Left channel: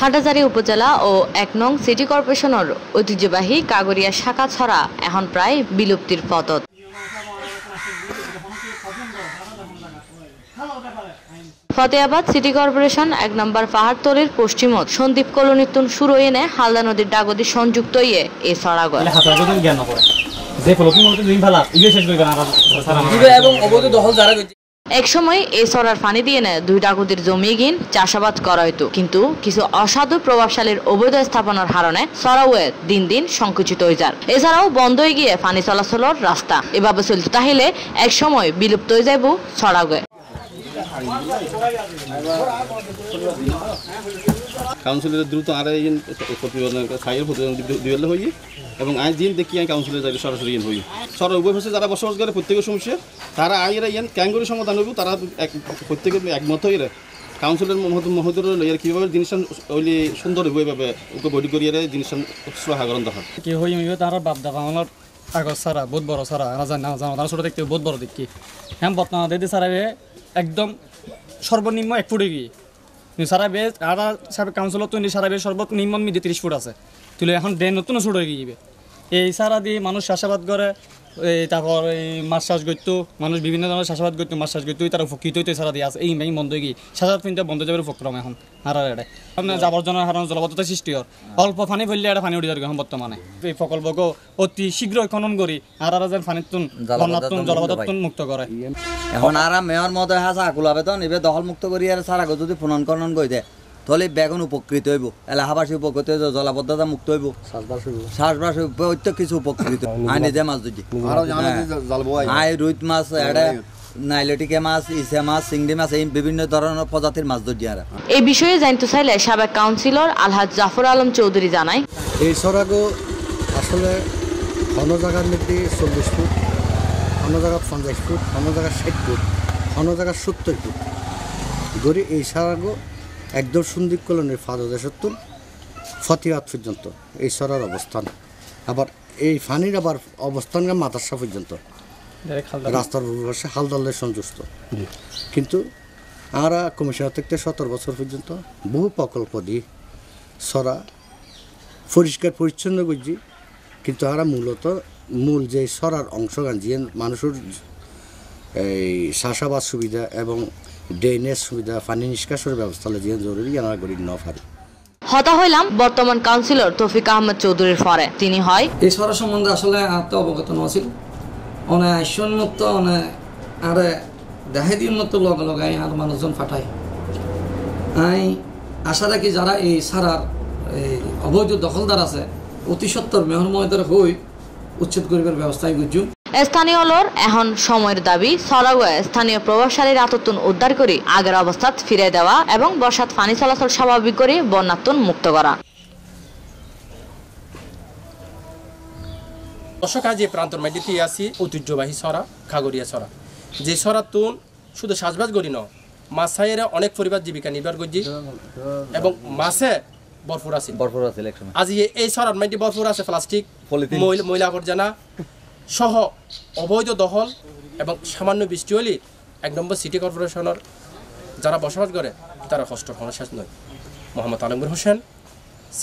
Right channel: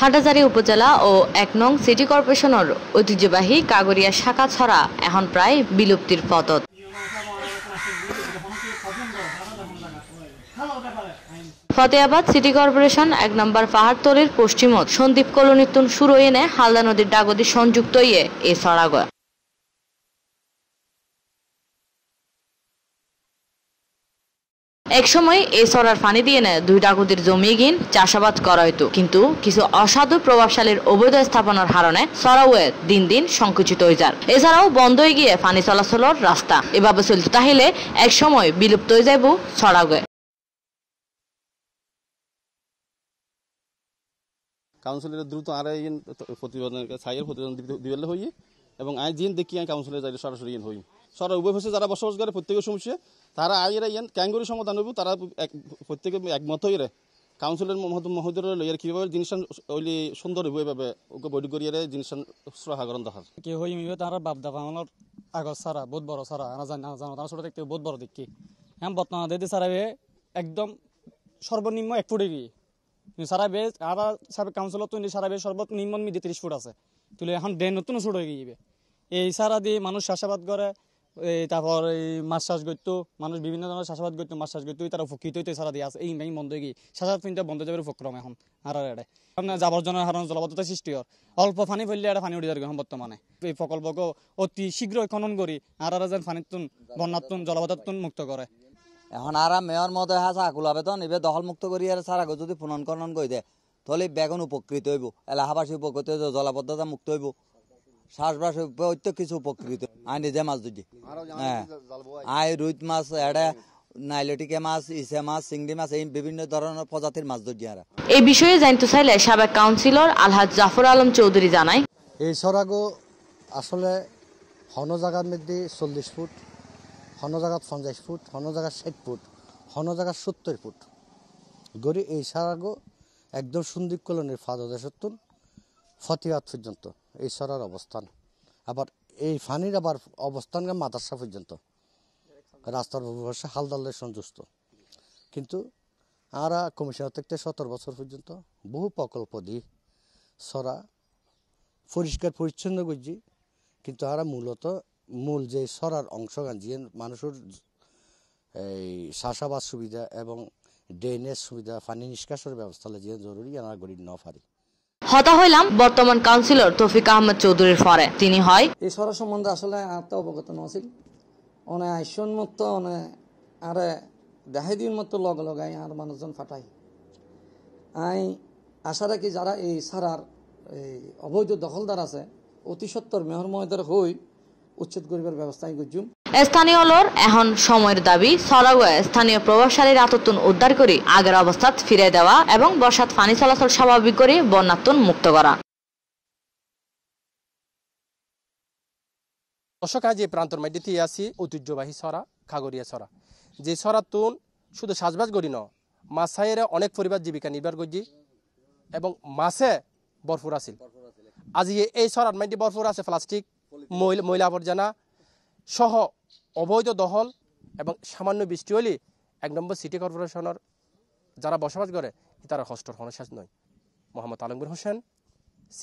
হাটাজারি উপজেলা ও ১ নং সিটি কর্পোরেশনের ঐতিহ্যবাহী কাগরিয়া শাখা ছড়া এখন প্রায় বিলুপ্তির পথত। ফতেহাবাদ সিটি কর্পোরেশন ১ নম্বর পাহাড়তলির পশ্চিমত সন্দীপ কলোনিতুন শুরু এনে হালদা নদীর ডাগদি সংযুক্ত ইয়ে এ ছড়া গয়। এক সময় এই ছড়ার পানি দিয়ে নেয় ২ ডাগদির জমি গিন চাষাবাদ করা হইতো, কিন্তু কিছু অসাধু প্রভাবশালীর অবৈধ স্থাপনার কারণে ছড়াওয়ে দিন দিন সংকুচিত হয়ে যায়। এছাড়াও বন্ধ হয়ে গিয়ে পানি চলাচলের রাস্তা এভাবে চলতে তাহলে এক সময় বিলুপ্ত হয়ে যাইব ছড়াগয়ে। কাউন্সিলের দ্রুত আর প্রতিবেদন দিলে হই এবং আই দিন দেখি আমি কাউন্সিলের যাই সরাসরি হই সরার উভয় ভাষায় যারা বসবাস করে প্রত্যেকের সমস্যা তারা আইরা ইয়ান ক্যাঙ্গুরি সমাধান হইব, তারা প্রত্যেকের একমত হয়ে কাউন্সিলের মহোদয় লইয়ার কীভাবে জিনিসটা ওইলে সুন্দর হইব এভাবে ওকে বডি করিয়ে জিনিসটা সহাগরণ দেখা কি হই তারা বাপ দাদা আমার কাগজ সারা বহুত বড় সারা জানা তারা ছোটো দেখতে বহুত বড় দেখি হ্যাঁ বর্তমানে দিদি সারা একদম সর্বনিম্ন ১ ফুটে গিয়ে সারা বেশ আর সারা কাউন্সিলত তো সারা বেশ সর্বনিম্ন মিডিয়ে ৩০ ফুট আছে তুলে এখন ড্রেন নতুন ছোট হয়ে গিয়ে এই সারা দিয়ে মানুষ চাষাবাদ করে, তারপর মাছ চাষ করতো মানুষ বিভিন্ন ধরনের চাষাবাদ করতো, মাছ চাষ করতো, তারা উপকৃত হইতো সারা দিয়ে আছে এই বন্ধ হয়ে গিয়ে চাষাবাদ কিন্তু বন্ধ যাবে উপক্রম এখন আর আবর্জনার হারানো জলবদ্ধতা সৃষ্টি হয় অল্প পানি ফেললে এটা পানি উঠে যাবে এখন বর্তমানে এই প্রকল্পকে অতি শীঘ্র খনন করি আর যেন পানিতুন বন্যাতুন জলবদ্ধতুন মুক্ত করে। এখন আর মেয়র মহোদয় হাসা আকুল আবেদন এবার দখল মুক্ত করি আর সারা যদি পুনর্খনন করে দেয় তাহলে বেগুন উপকৃত হইব, এলাহাবাসী উপকৃত হইব, জলাবদ্ধতা মুক্ত হইব, চাষবাস প্রত্যেক কিছু উপকৃত। আই নিজে মাছ ধরি আই রুইত মাছ এড়ে নাইলেটিকে মাছ, ইসে মাছ, চিংড়ি মাছ এই বিভিন্ন ধরনের প্রজাতির মাছ ধরি। আর এই বিষয়ে জানতে চাইলে সাবেক কাউন্সিলর আলহাজ জাফর আলম চৌধুরী জানায় এই ছড়াগো আসলে অন্য জায়গার মধ্যে ৪০ ফুট, অন্য জায়গা ৫০ ফুট, অন্য জায়গা ৬০ ফুট, অন্য জায়গা ৭০ ফুট ধরে এই ছড়াগো একদম সন্দীপ কলোনির ফাদদেশত্তুন ফতিহাত পর্যন্ত এই ছড়ার অবস্থান, আবার এই ফানির আবার অবস্থান মাদারসা পর্যন্ত রাস্তার পাশে হালদালের সংযুক্ত। কিন্তু আমরা কমিশনার থেকে ১৭ বছর পর্যন্ত বহু প্রকল্প দিই ছড়া পরিষ্কার পরিচ্ছন্ন করছি, কিন্তু আমরা মূলত মূল যে ছড়ার অংশগান যে মানুষের এই চাষাবাদ সুবিধা এবং ড্রেনেজ সুবিধা পানি নিষ্কাশনের ব্যবস্থা যে জরুরি আমরা গরিব ন পারি। হতা হইলাম বর্তমান কাউন্সিলর তৌফিক আহমেদ চৌধুরীর পরে। তিনি হয় এই ছড়া সম্বন্ধে আসলে আত্ম অবগত নছিল অনেক আইসন্মত অনেক আরে দেহাদির মতো লগে লগাই আর মানুষজন ফাটায়। আই আশা রাখি যারা এই সারার অবৈধ দখলদার আছে অতি সত্তর মেয়র মহোদয় হই উচ্ছেদ করিবার ব্যবস্থায় গুজু। স্থানীয় লোর এখন সময়ের দাবি ছড়াগয়ে স্থানীয় প্রভাবশালীর আততুন উদ্ধার করে আগের অবস্থাত ফিরে দেওয়া এবং বর্ষাত পানি চলাচল স্বাভাবিক করে বন্যাতুন মুক্ত করা। দর্শক আজ এই প্রান্তর মাটিতে আসি ঐতিহ্যবাহী ছড়া খাগরিয়া ছড়া, যে ছড়াতুন শুধু সাজবাজ করি ন মাছ ছাইয়েরা অনেক পরিবার জীবিকা নির্বাহ করছি এবং মাছে ভরপুর আছে আজ এই ছড়ার মাটি ভরপুর আছে প্লাস্টিক, ময়লা আবর্জনা সহ অবৈধ দখল এবং সামান্য বৃষ্টি হলে ১ নম্বর সিটি কর্পোরেশনের যারা বসবাস করে তারা কষ্ট কোনো শেষ নয়। মোহাম্মদ আলমগীর হোসেন, C+।